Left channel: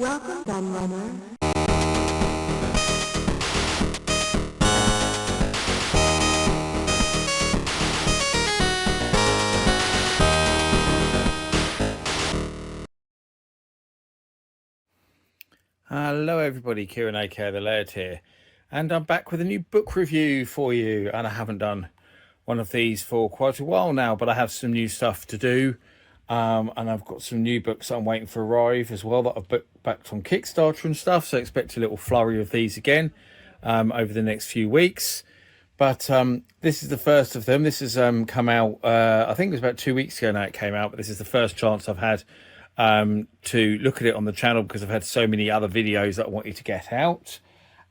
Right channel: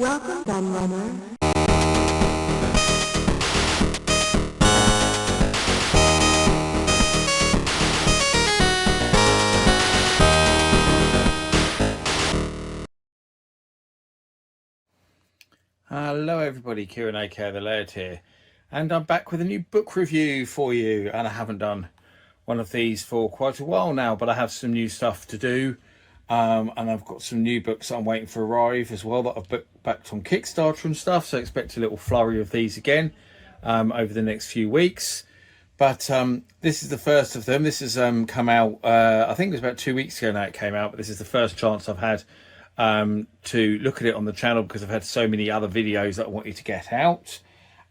Welcome, gun runner. Hello everybody, Kieran aka The Laird here, and I'm back with a new book review for you. And I haven't done one of these for quite a while now, but I have some new stuff to do, and I've got some new books that I'm waiting for arrive as well that I've backed from Kickstarter and stuff, so expect a little flurry of these again over the next few weeks. But this is the first of them. This has come out, I think it was about 2 weeks ago now it came out, but this is the first chance I've had to look at it on the channel because I've had so many other videos that I want you to get out.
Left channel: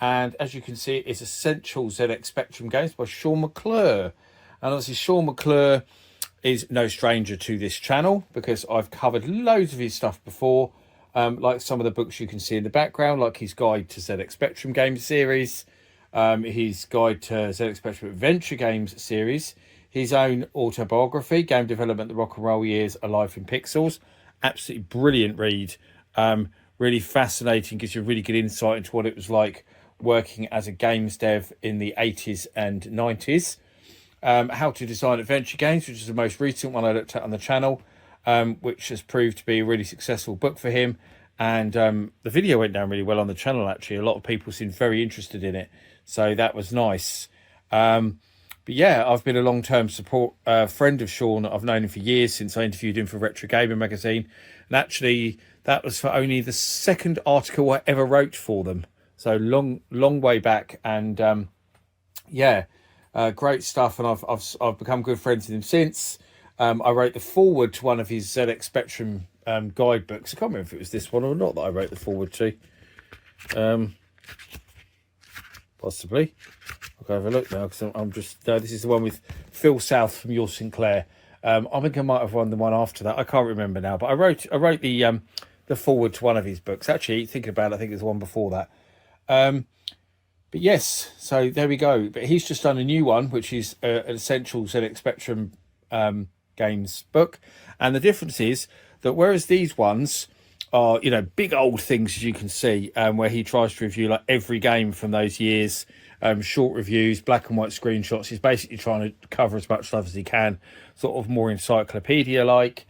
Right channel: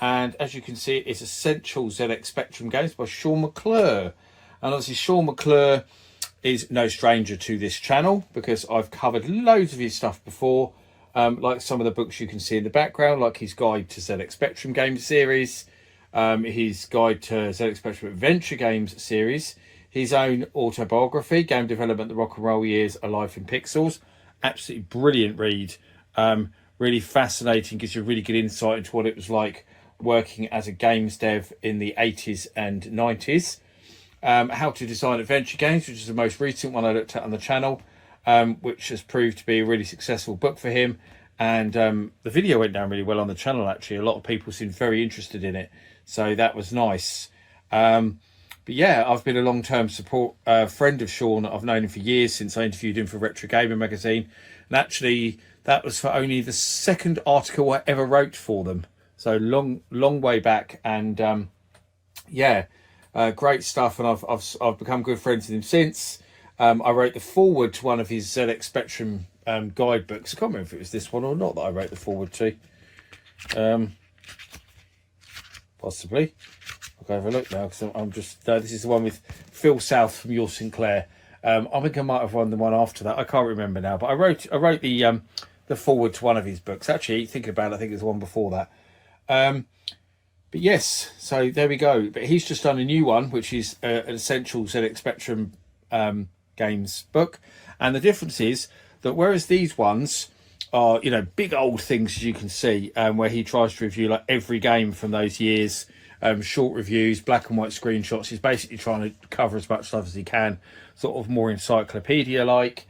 And as you can see, it's Essential ZX Spectrum Games by Shaun McClure. And obviously Shaun McClure is no stranger to this channel because I've covered loads of his stuff before, like some of the books you can see in the background, like his Guide to ZX Spectrum Games series, his Guide to ZX Spectrum Adventure Games series, his own autobiography, Game Development, The Rock and Roll Years, A Life in Pixels. Absolutely brilliant read, really fascinating, gives you a really good insight into what it was like working as a games dev in the 80s and 90s. How to Design Adventure Games, which is the most recent one I looked at on the channel, which has proved to be a really successful book for him. And the video went down really well on the channel, actually. A lot of people seemed very interested in it, so that was nice. But yeah, I've been a long-term friend of Shaun. I've known him for years, since I interviewed him for Retro Gamer magazine. And actually, that was for only the second article I ever wrote for them. So long way back. And yeah, great stuff. And I've become good friends with him since. I wrote the foreword to one of his ZX Spectrum guidebooks. I can't remember if it was this one or not that I wrote the foreword to. Possibly. I'll go have a look now because I'm just this is the one with Phil South from Your Sinclair. I think I might have won the one after that. I can't remember now, but I wrote the foreword to one of his books. Actually, thinking about it, I think it was the one before that. But yes, so there we go. But he's just done a new one, which is an Essential ZX Spectrum Games book, and the difference is that whereas these ones are, you know, big old things, as you can see, where he tries to review like every game from those years. Short reviews, black and white screenshots. He's basically trying to cover as much stuff as he can, sort of more encyclopedia like.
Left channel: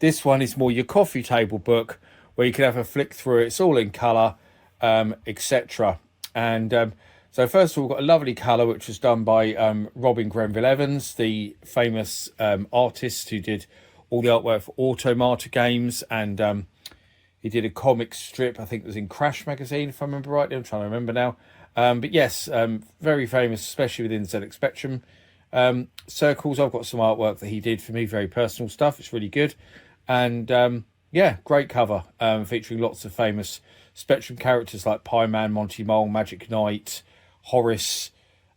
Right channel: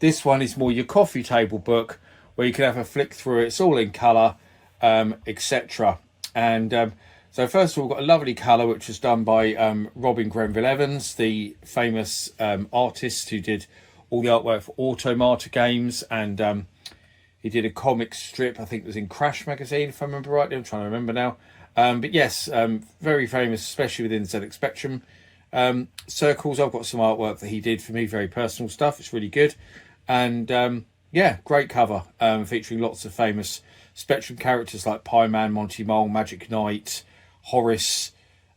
This one is more your coffee table book where you can have a flick through. It's all in colour, etc. And so first of all, we've got a lovely colour which was done by Robin Grenville Evans, the famous artist who did all the artwork for Automata games, and he did a comic strip, I think it was in Crash magazine, if I remember rightly. I'm trying to remember now. But yes, very famous, especially within ZX Spectrum circles. I've got some artwork that he did for me, very personal stuff. It's really good. And yeah, great cover, featuring lots of famous Spectrum characters like Pie-Man, Monty Mole, Magic Knight, Horace,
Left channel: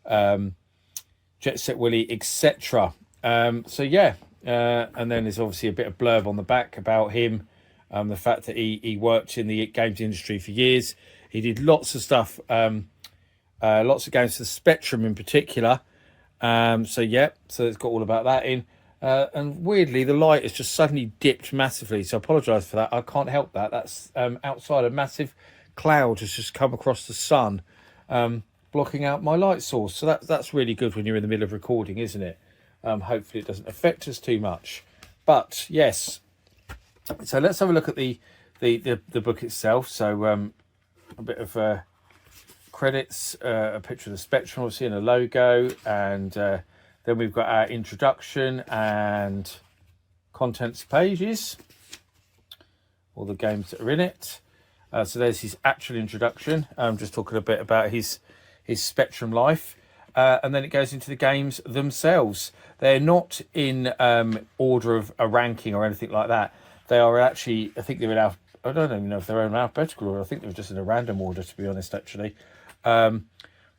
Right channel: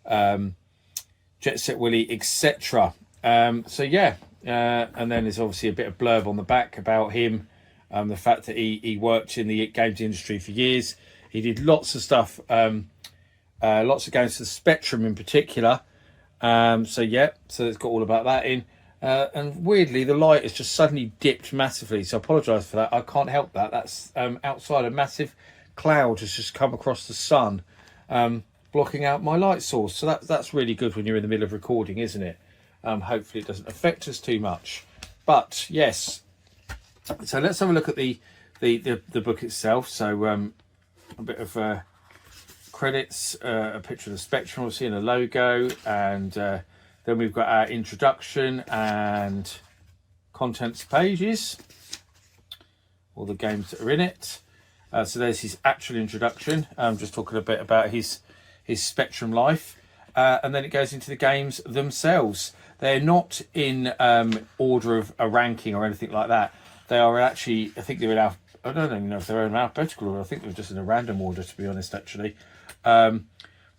Jet Set Willie, etc. So yeah, and then there's obviously a bit of blurb on the back about him, the fact that he worked in the games industry for years. He did lots of stuff, lots of games for Spectrum in particular. So yeah, so it's got all about that in. And weirdly, the light has just suddenly dipped massively, so I apologise for that. I can't help that. That's outside, a massive cloud has just come across the sun, blocking out my light source. So that's really good when you're in the middle of recording, isn't it? Hopefully it doesn't affect us too much. But yes, so let's have a look at the book itself. So a bit of credits, a picture of the Spectrum, obviously, and a logo, and then we've got our introduction and contents pages, all the games that are in it. So there's his actual introduction, just talking a bit about his Spectrum life, and then it goes into the games themselves. They're not in order of a ranking or anything like that. They are actually, I think they're in I don't even know if they're in alphabetical order. I think they're just in a random order, to be honest, actually. But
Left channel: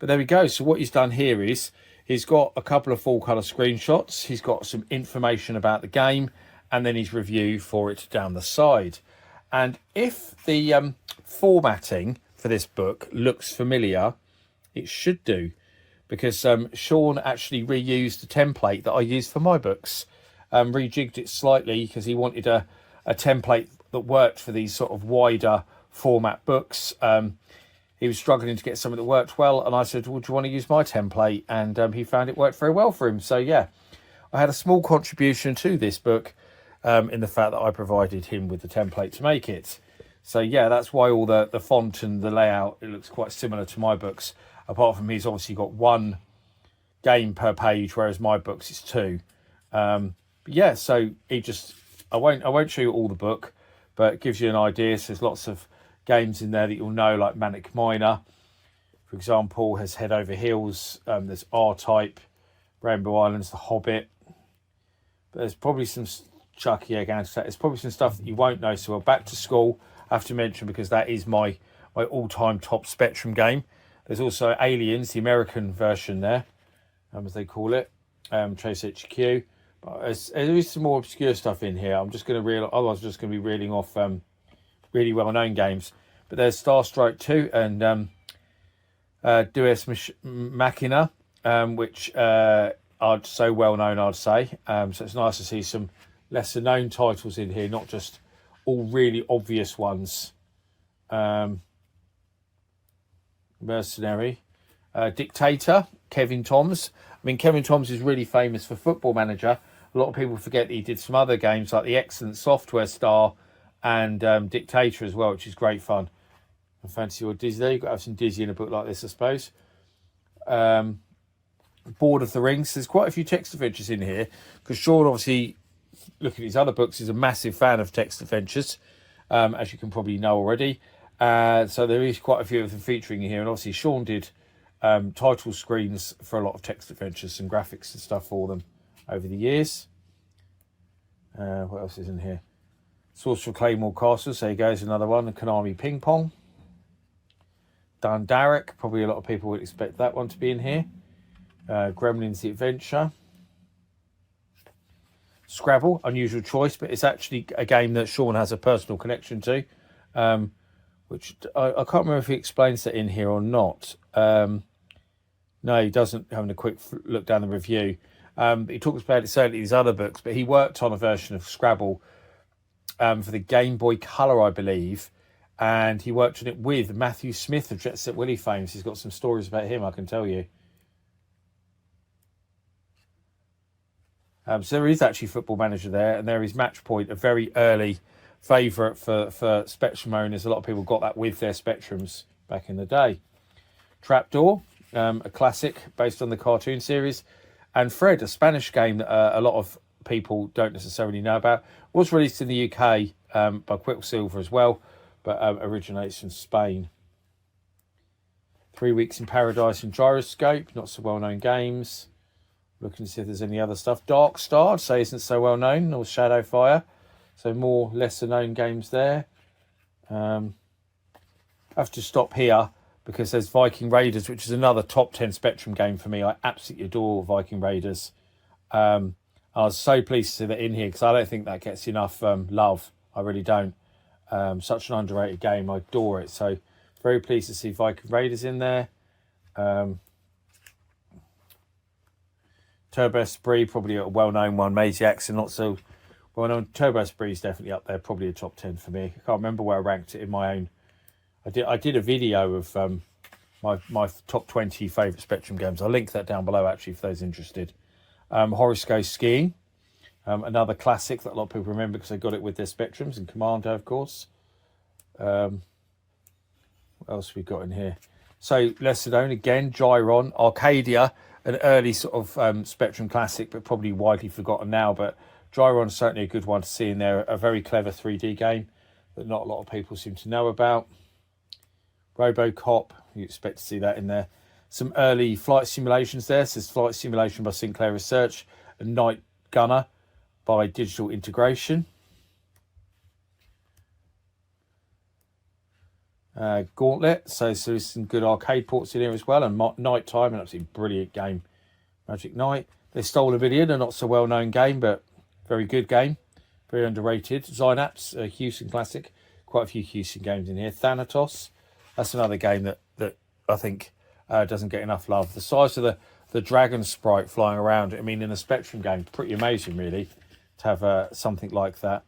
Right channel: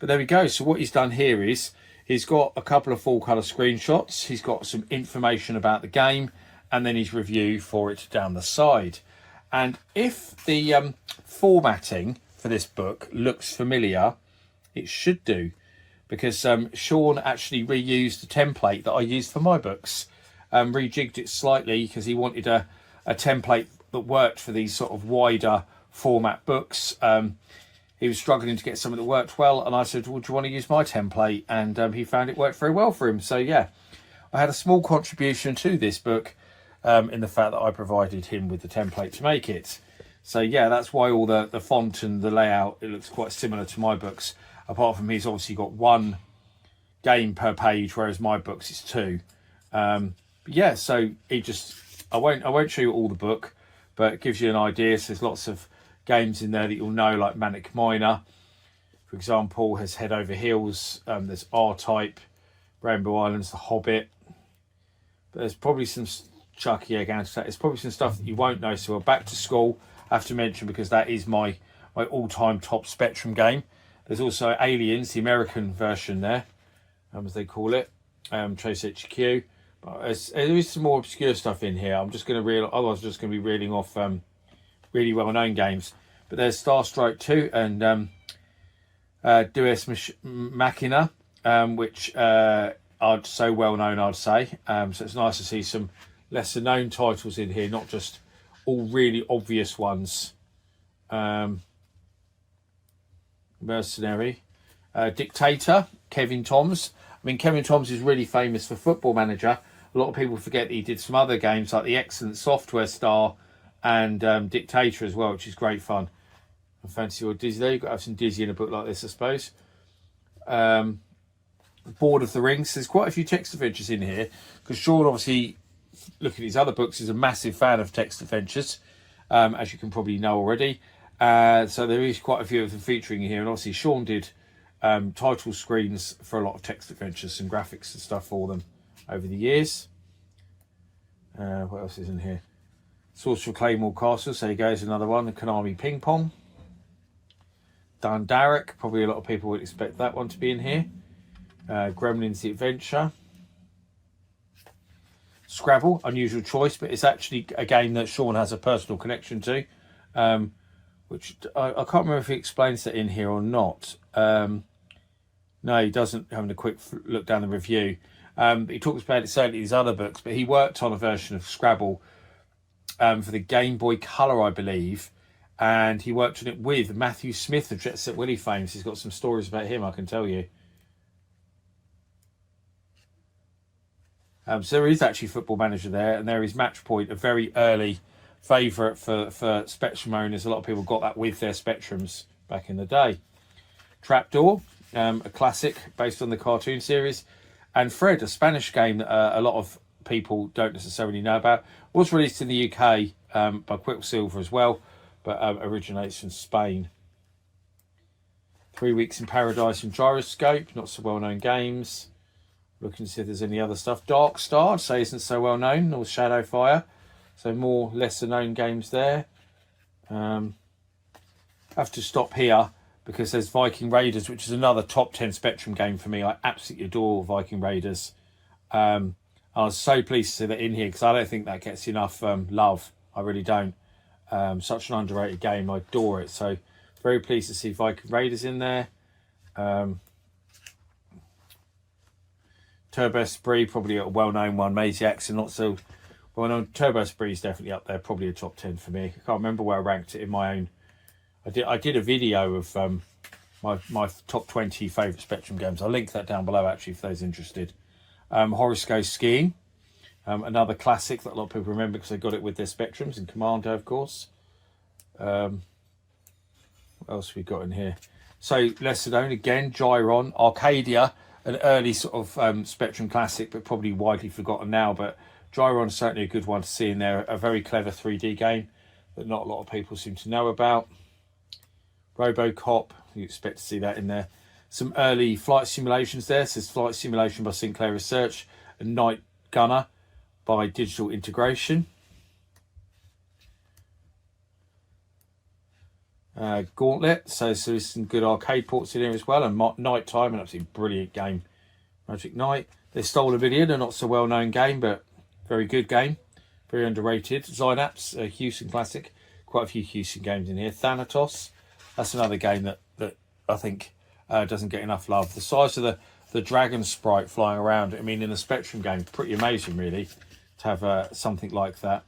there we go. So what he's done here is he's got a couple of full colour screenshots. He's got some information about the game, and then his review for it down the side. And if the formatting for this book looks familiar, it should do, because Shaun actually reused the template that I used for my books, rejigged it slightly because he wanted a template that worked for these sort of wider format books. He was struggling to get something that worked well, and I said, well, do you want to use my template? And he found it worked very well for him. So yeah, I had a small contribution to this book in the fact that I provided him with the template to make it. So yeah, that's why all the font and the layout, it looks quite similar to my books, apart from he's obviously got one game per page, whereas my books is two. But yeah, so I won't show you all the book, but it gives you an idea. So there's lots of games in there that you'll know, like Manic Miner, for example, has Head Over Heels. There's R-Type, Rainbow Islands, The Hobbit. But there's probably some Chucky Egg Antidote. There's probably some stuff that you won't know. So we're back to school. I have to mention, because that is my all-time top Spectrum game. There's also Aliens, the American version there, as they call it, Trace HQ. But there is some more obscure stuff in here. I'm just going to reel. Otherwise, I'm just going to be reeling off really well-known games. But there's Star Strike 2 and Deus Machina, which are so well-known, I'd say. So it's nice to see some lesser-known titles in here, not just all really obvious ones. Mercenary, Dictator, Kevin Toms. I mean, Kevin Toms is really famous for Football Manager. A lot of people forget that he did some other games like the excellent Software Star and Dictator as well, which is great fun. I fancy your Disney. You've got to have some Disney in a book like this, I suppose. Board of the Rings. There's quite a few text adventures in here, because Shaun, obviously, looking at his other books, is a massive fan of text adventures, as you can probably know already. So there is quite a few of them featuring in here, and obviously Shaun did title screens for a lot of text adventures and graphics and stuff for them over the years. What else is in here? Sorcerer Claymore Castle, so there goes another one. The Konami Ping Pong. Dundalk, probably a lot of people would expect that one to be in here. Gremlins The Adventure. Scrabble, unusual choice, but it's actually a game that Shaun has a personal connection to, which I can't remember if he explains that in here or not. No, he doesn't, having a quick look down the review. But he talks about it certainly in his other books, but he worked on a version of Scrabble for the Game Boy Color, I believe, and he worked on it with Matthew Smith of Jet Set Willie fame. So he's got some stories about him, I can tell you. So there is actually Football Manager there, and there is Match Point, a very early favourite for Spectrum owners. A lot of people got that with their Spectrums back in the day. Trapdoor, a classic based on the cartoon series. And Fred, a Spanish game that a lot of people don't necessarily know about, was released in the UK by Quicksilver as well, but originates from Spain. 3 Weeks in Paradise and Gyroscope, not so well-known games. Looking to see if there's any other stuff. Dark Star, say isn't so well-known, or Shadowfire, so more lesser-known games there. I have to stop here, because there's Viking Raiders, which is another top 10 Spectrum game for me. I absolutely adore Viking Raiders. I was so pleased to see that in here, because I don't think that gets enough love. I really don't. Such an underrated game. I adore it. So very pleased to see Viking Raiders in there. Turbo Spree, probably a well-known one. Maziacs are not so well-known. Turbo Spree is definitely up there. Probably a top 10 for me. I can't remember where I ranked it in my own. I did a video of my top 20 favourite Spectrum games. I'll link that down below, actually, for those interested. Horoscope Skiing, another classic that a lot of people remember because they got it with their Spectrums, and Commando, of course. What else have we got in here? So, lesser known, again, Gyron, Arcadia, an early sort of Spectrum classic, but probably widely forgotten now. But Gyron's certainly a good one to see in there. A very clever 3D game that not a lot of people seem to know about. RoboCop, you expect to see that in there. Some early flight simulations there. So there's Flight Simulation by Sinclair Research and Night Gunner by Digital Integration. Gauntlet, so there's some good arcade ports in here as well. And Night Time, an absolutely brilliant game. Magic Knight. There's Stolen Million, a not so well known game, but very good game. Very underrated. Synapse, a Houston classic. Quite a few Houston games in here. Thanatos. That's another game that I think doesn't get enough love. The size of the dragon sprite flying around, I mean, in a Spectrum game, pretty amazing, really, to have something like that.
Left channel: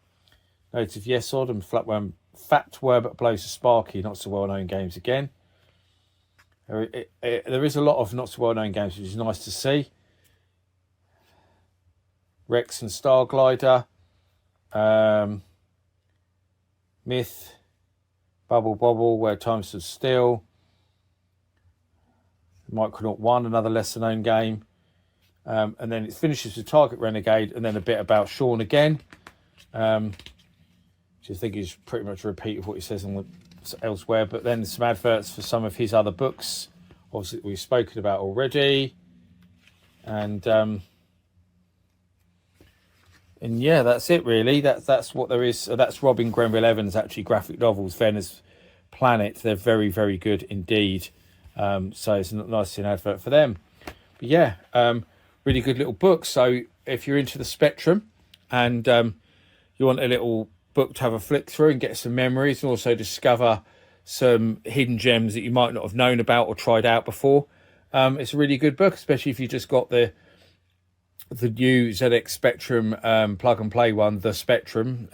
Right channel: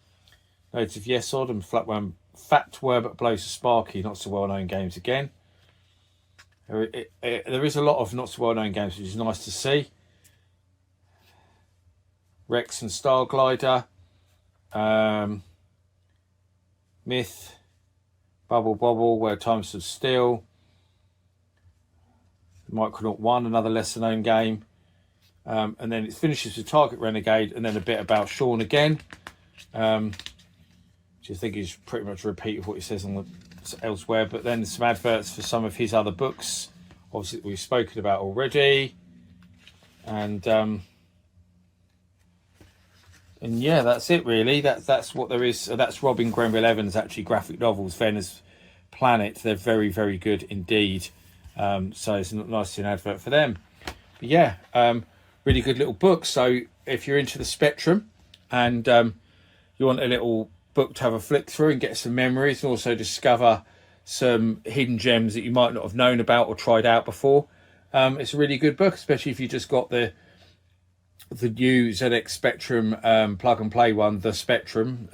Loads of Yes Odd and Fat Worm Blows to Sparky, not so well known games again. There is a lot of not so well known games, which is nice to see. Rex and Star Glider, Myth, Bubble Bobble, Where Time Stood Still, Micronaut 1, another lesser known game. And then it finishes with Target Renegade, and then a bit about Shaun again, which I think is pretty much a repeat of what he says on elsewhere. But then some adverts for some of his other books, obviously we've spoken about already. And yeah, that's it really. That's what there is. That's Robin Grenville Evans' actually graphic novels, Venus Planet. They're very, very good indeed. So it's nice to see an advert for them. But yeah, really good little book. So if you're into the Spectrum and you want a little book to have a flick through and get some memories, and also discover some hidden gems that you might not have known about or tried out before, it's a really good book, especially if you just got the new ZX Spectrum plug and play one, the Spectrum.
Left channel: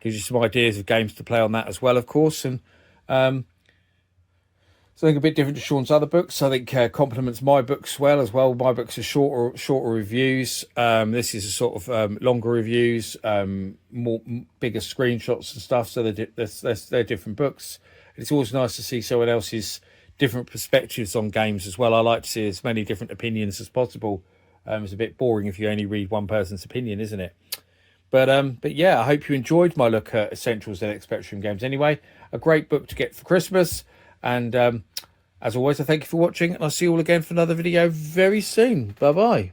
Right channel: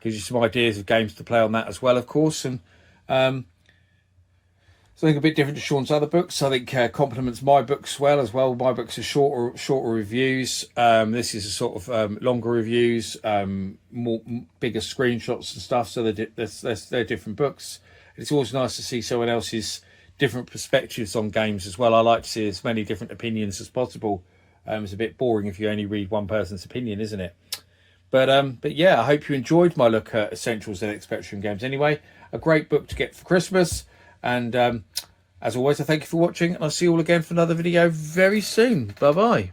Gives you some ideas of games to play on that as well, of course. And something a bit different to Shaun's other books. I think complements my books well as well. My books are shorter reviews. This is a sort of longer reviews, bigger screenshots and stuff. So they're different books. It's always nice to see someone else's different perspectives on games as well. I like to see as many different opinions as possible. It's a bit boring if you only read one person's opinion, isn't it? But yeah, I hope you enjoyed my look at Essential ZX Spectrum games. Anyway, a great book to get for Christmas. And as always, I thank you for watching, and I'll see you all again for another video very soon. Bye bye.